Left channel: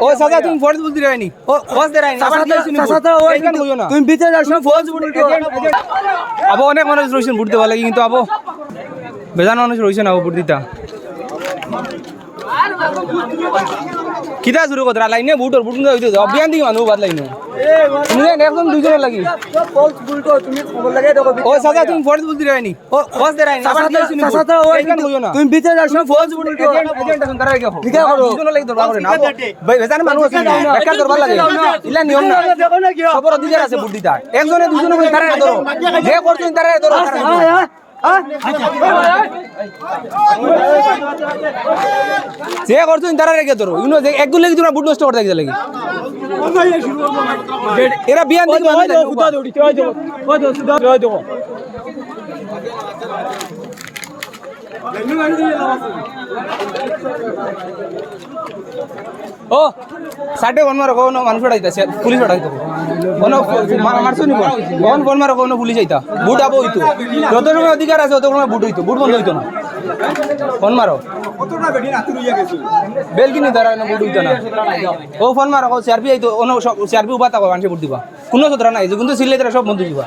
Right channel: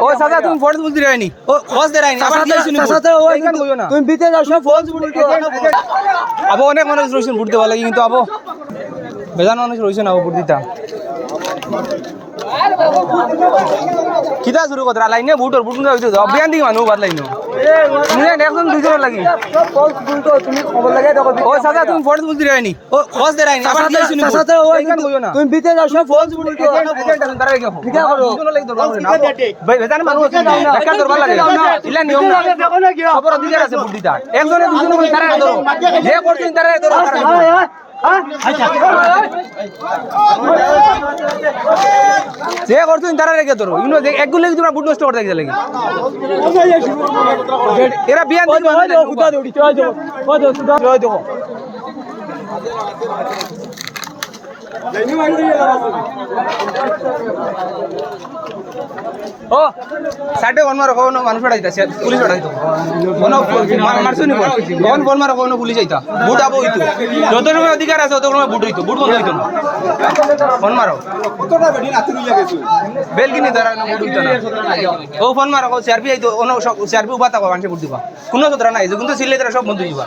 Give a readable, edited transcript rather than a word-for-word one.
ও সাদা তুমি ফোর্স বলতে রাইনি ও খোঁজ দে রাইনি সাদা ওই কেন কইও না তুমি ভিতরে যাও সব ফোর্স বলতে আবো অনেক মানুষ রইছেন বুঝতে ভালো কিন্তু আবো বেজান মানুষ রইছেন আবো বুঝদিতা কিটা শুরু করতে লাইনে বুটর বুট হইতো অভিযান দিকে মানুষ বাদ লাইনো তুমি একদম দুইজন লাগি ফোর্স বলতো তুমি খবর লাগাই দাও ও সাদা তুমি ফোর্স বলতে রাইনি ও খোঁজ দে রাইনি সাদা ওই কেন কইও না তুমি ভিতরে যাও সব ফোর্স বলতে এজেন্ট এখন তারা কি করো দুইজন লাগি দরকার করে না ভাই বেজান মানুষ আছে বেকার দরবার লাগে ইলা নিয়ম না খবর অধিকার আছে বুদ্ধিটা একজনে দুইজনে কই তারা ধরো যে করছেন তারা ধরো যে করছেন তারা রেখে ধরো ইউনো একগুলো লাগি তোমরা বুট নষ্ট করতে গেছে লাগি এরা বিয়ান দেখি হয় দাও খুদা দৌড়ি হয় দাও সুদা হয় দাও ও সাইডে ফোন মারো কোনো মানুষ উঠাইতাছে পুলিশ উঠাইতো কোনো মারছনি কোন ফোন মারো কোনো পুলিশ আইতা বুট আবো হইতো যত সময় অধিকার আছে তত সময় বুট হইতো বুট বন্ধ হইতো না ফোন মারো কতটা বেডি রাতে লইয়া গেছো বেল কিনি ধরা না বুট হইতো না ও ফোন মারো কো সিআরপি আইতো ono সিআরপি উবাতা কো মানুষ বুট দিবা কোনো সদরা নাই কিন্তু সিলে ধরা সব বন্ধ দিবা